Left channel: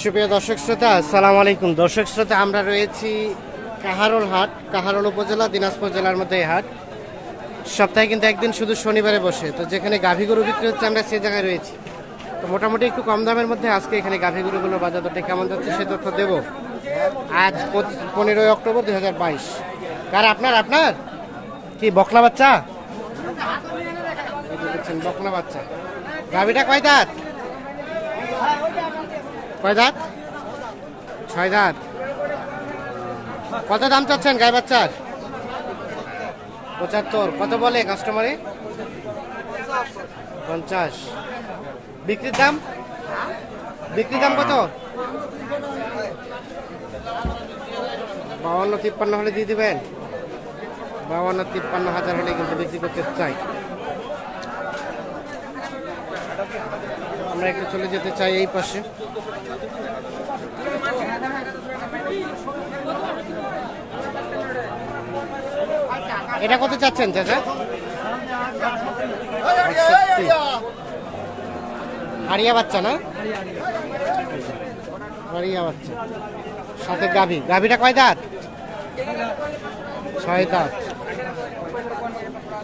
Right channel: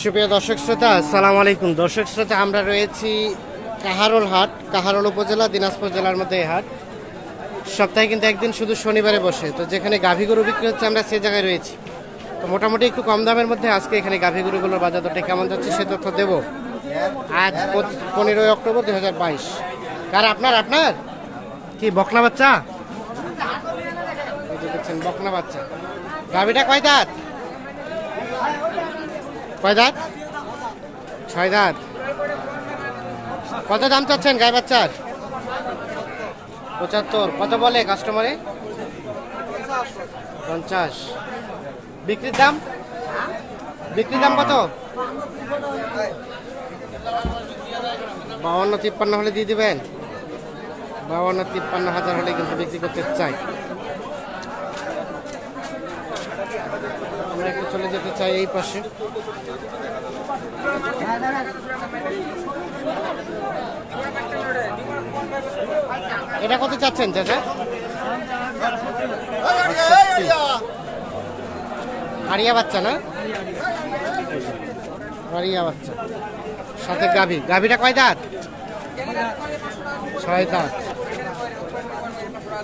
সুপ্রিয় দর্শক শ্রোতা, আসসালামু আলাইকুম। দর্শক শ্রোতা, আমরা রয়েছি কাহারোল হাট, কাহারোল উপজেলা, দিনাজপুর জেলার মধ্যে এই হাট সপ্তাহে কিন্তু একদিন শুধু শনিবারে বসে। তো যেখানে গাভী গরু বিক্রি হচ্ছে আমরা সেই জায়গায় রয়েছি। তো মোটামুটি একটু কম দামের মধ্যে আজকে এখানে গাভী গরুগুলোর বাজার দরটা কেমন যাচ্ছে সে তথ্য দেব। আজ 15 অক্টোবর 2022। কার আপনার আপনার কি বকনা বাচ্চা? এই যে দেখছেন বকনা বাচ্চা। গাভীটা কয় দাঁত? কয় দাঁত? 6 দাঁত। কত দাম চাচ্ছেন গাই বাচ্চার? 75। কত বলে কাস্টমারে? 50। বিক্রির দাম? বিক্রির দাম কত? 52-53 হলে দিয়ে দিবেন? 52-53 হাজার হলে কিন্তু বিক্রি করতে চাই। আমরা একটু চলে যেতে চাই এই পাশে। এটা কত চাচ্ছেন চাচা? 68। আরিয়া বাচ্চা না? আরিয়া বাচ্চা, সাথে গাভী। গাভীটা কয় দাঁত? 6 দাঁত।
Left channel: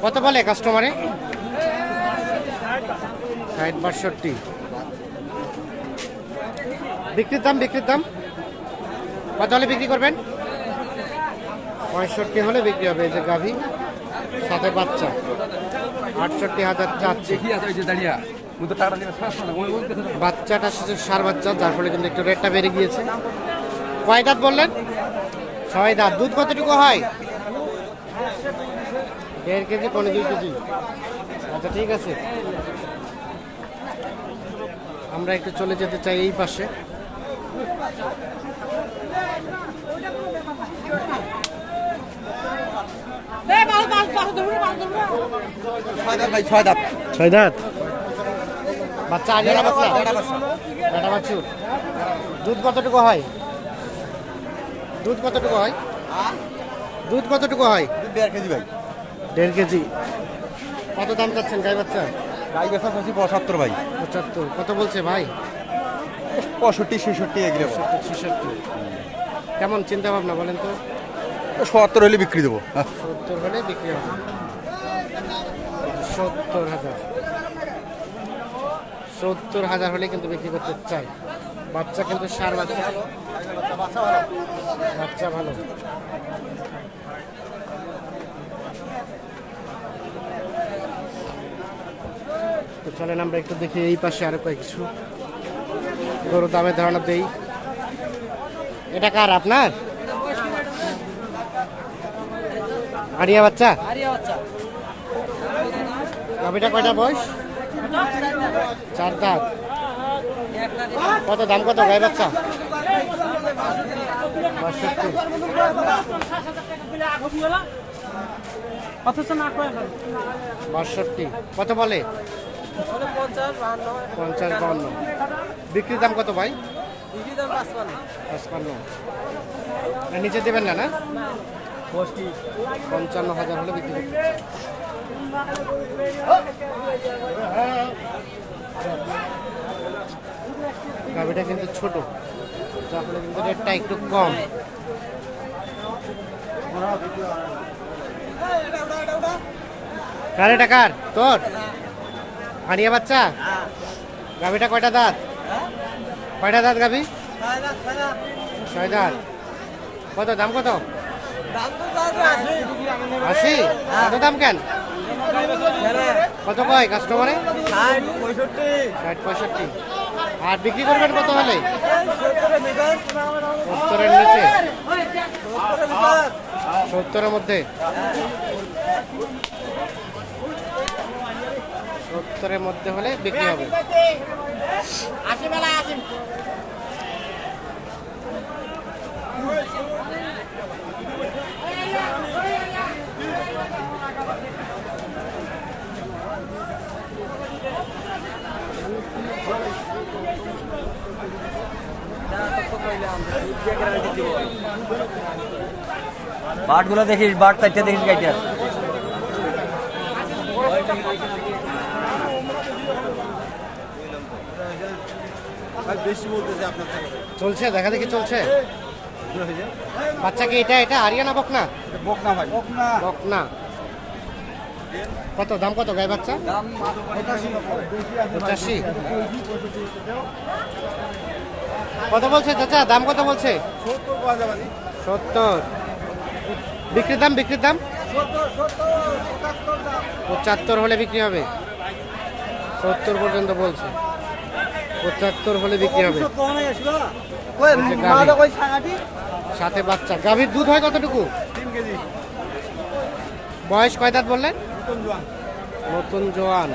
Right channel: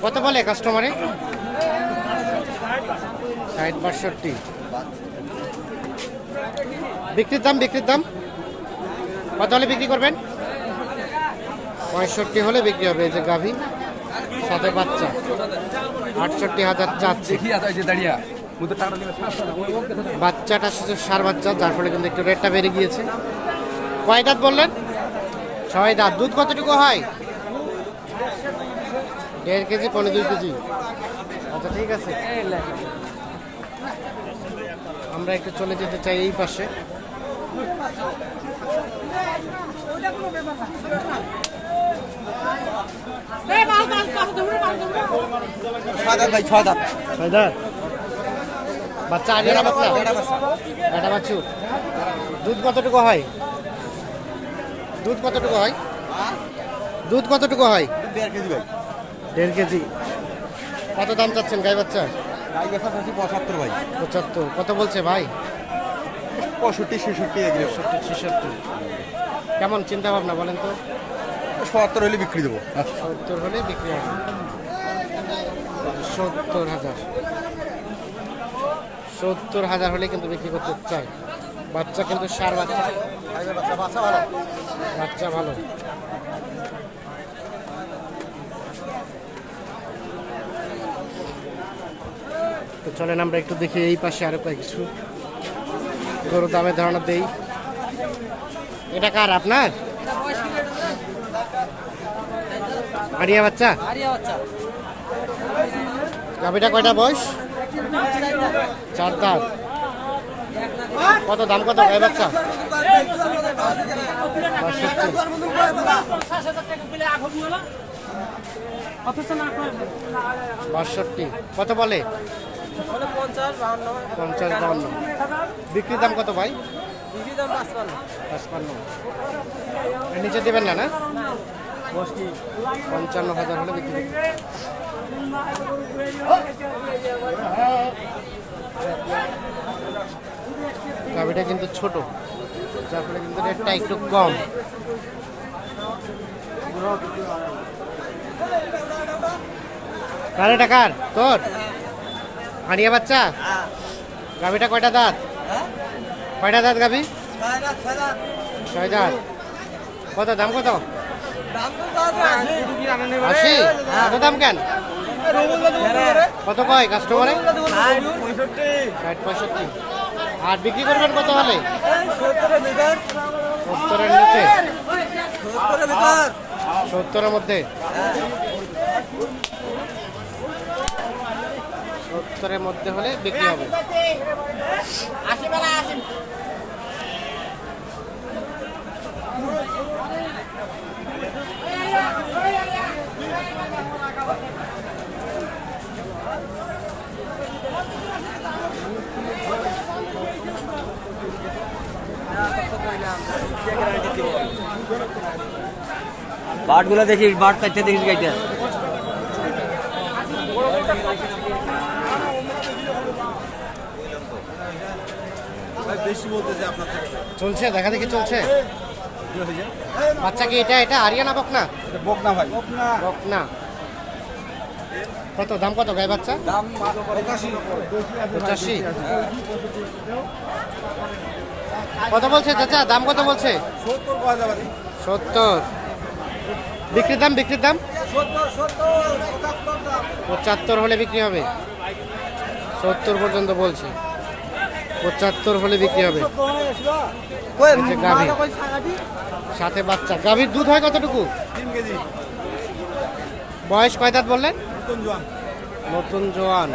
কত বলে কাস্টমারে? 60-62। বিক্রির দাম? বিক্রির দাম কত হলে বিক্রি করবেন? 65 হলে বিক্রি হবে। এই যে গাভী, সাথে বাচ্চা। 68,000 চাচ্ছি। বাচ্চাটা সার বাচ্চা, যার ফলে কিন্তু একটু রেটটা বেড়ে গিয়েছে। কয় দাঁত বললেন? 6 দাঁত। দুধ কতটুকু হয়? 1.5 কেজি, 1.5-2 কেজি। আচ্ছা, ঠিক আছে। আমরা একটু চলে যেতে চাই এই পাশে। ছয় দাঁত। বাচ্চা আগে না বাচ্চা? বেটা বাছুর। দুধ কতটুকু হয়? দুধ কতটুকু হয়? দুধ কতটুকু হয়? 1.5 কেজি। কত দাম চাচ্ছেন গাই বাচ্চা? 75 ভাই। 75। কত বলছে ভাই? 65-66। কেমন চিন্তা ভাবনা বলেন তো? 70 হলে বিক্রি দেবো। 70 হলে বিক্রি হবে। 70,000। 70,000 হলে কিন্তু বিক্রি করতে চাই। বাচ্চা কিন্তু সার বাচ্চা, বাচ্চা ভালো। তো চলেন আমরা একটু দেখি এই পাশে আরো কিছু গরু দামের ধারণা দেই। এটা কার আপনার? আরিয়া বাচ্চা। গাভীটা কয়টা বয়স? 4 দাঁত। কত দাম কত গাই বাচ্চা? 62। কত বলে? 50-52। বিক্রির দাম কত ভাই? 55। নিচে দেবেন না? 55,000 হলে বিক্রি করতে। গাভীটা কিন্তু ছোট, যার ফলে কিন্তু রেটটা একটু কম। কার এটা? কার? তোর? আরিয়া বাচ্চা। গাভীটা কয়টা দাঁত? কয়টা দাঁত গাভী? 6 দাঁত। কত দাম কত? 80। এত দাম কেন? কত কয় কাস্টমারে? 60-65। আর বিক্রি করবেন কত হলে? 70-এর নিচে? 70-এর মধ্যে? 70-এর মধ্যে হলে বিক্রি হবে। बाट गुला देखिए बाट चाहते देंगे क्या? বেশি বলতেছে আপনার চলছে দেখা দেখি চলছে। বাচ্চা কি এটা এটা আরিয়ানা বকনা? বকনা ভাই বকনা। কত দাম, কত গায়ে বাচ্চা? দাম 85। কত বলছে চাচা, দাম কত বলছে? 70। বিক্রির দাম, বিক্রির দাম 75 হলে বিক্রি হবে। 70 পর্যন্ত বলছে, 75 হলে বিক্রি হবে। এই যে গাভী, সাথে বাচ্চা। গাভীর দুধ হয় কতটুকু? 3 কেজি। বয়স কয় দাঁত বললেন? নতুন জোয়ান।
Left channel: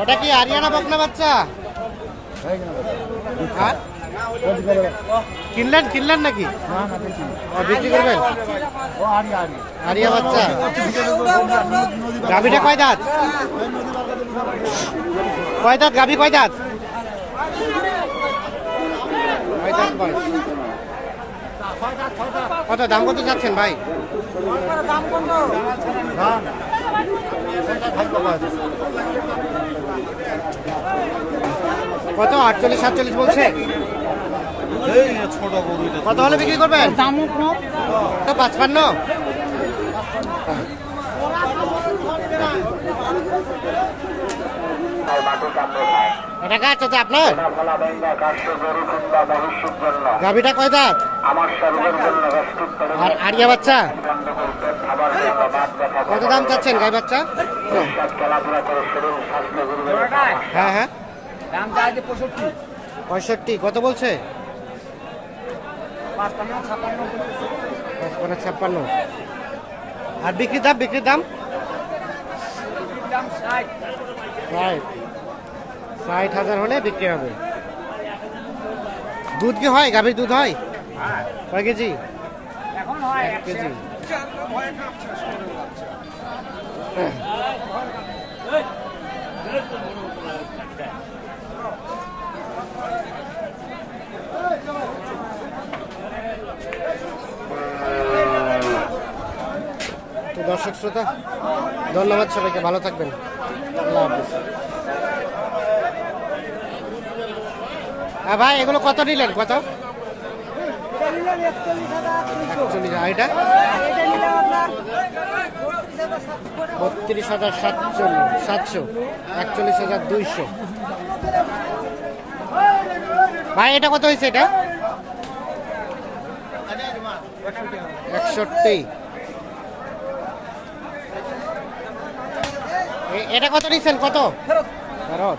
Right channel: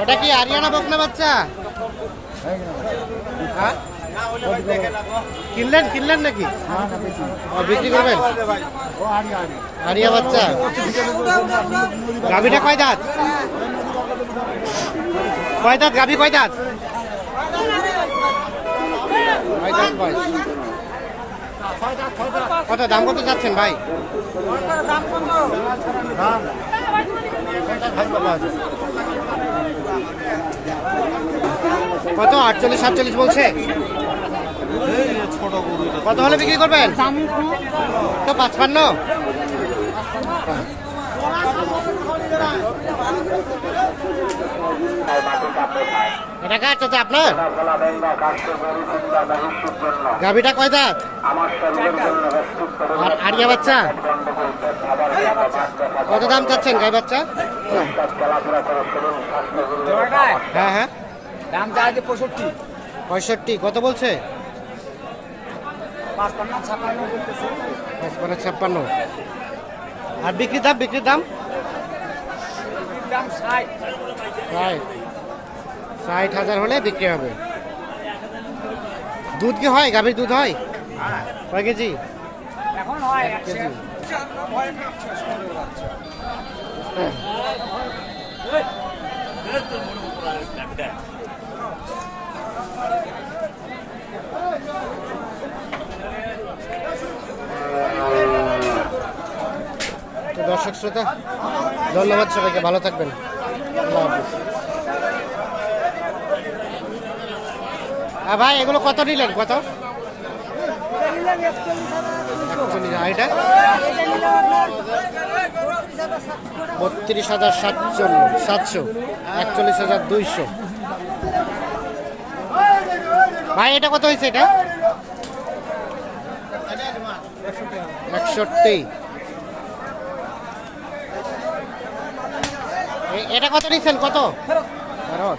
ওটা কি আরিয়ানা বকনা বাচ্চা? হ্যাঁ, কিনলেন কিনলেন নাকি? ও বিক্রি করবেন? আরিয়া বাচ্চা। গাভীটা কয় দাঁত? কয় দাঁত গাভী, কয় দাঁত? কয় দাঁত বয়স? কত দাম, কত যাচ্ছেন ভাই? কত 48 47 বলছে? কত হলে বিক্রি করবেন? তো 55। এটা কার চাচা আপনার? গাভীটা কয় দাঁত? আর আরিয়া বাচ্চা? কত দাম চাচ্ছেন গাই বাচ্চা? হ্যাঁ হ্যাঁ, দাম চাই 65। 65। কত বলছে? 55 56। আর বিক্রির দাম, বিক্রির দাম? দাম 60। 60,000 হলে বিক্রি হবে। দুধ কি হয়? গাভীর দুধ হয় কয় কেজি? এখন হয় 1 কেজি। তো দর্শক শ্রোতা, ধন্যবাদ সবাইকে, ভালো থাকবেন, আল্লাহ হাফিজ। হ্যাঁ ভাই, এগুলো কত নিলেন? কত? 41। আর এটা 32,700। 41,200। ভাই এটা কত হয়েছে? এটা 61। এটা কত নিচ্ছেন? কত ফেরত?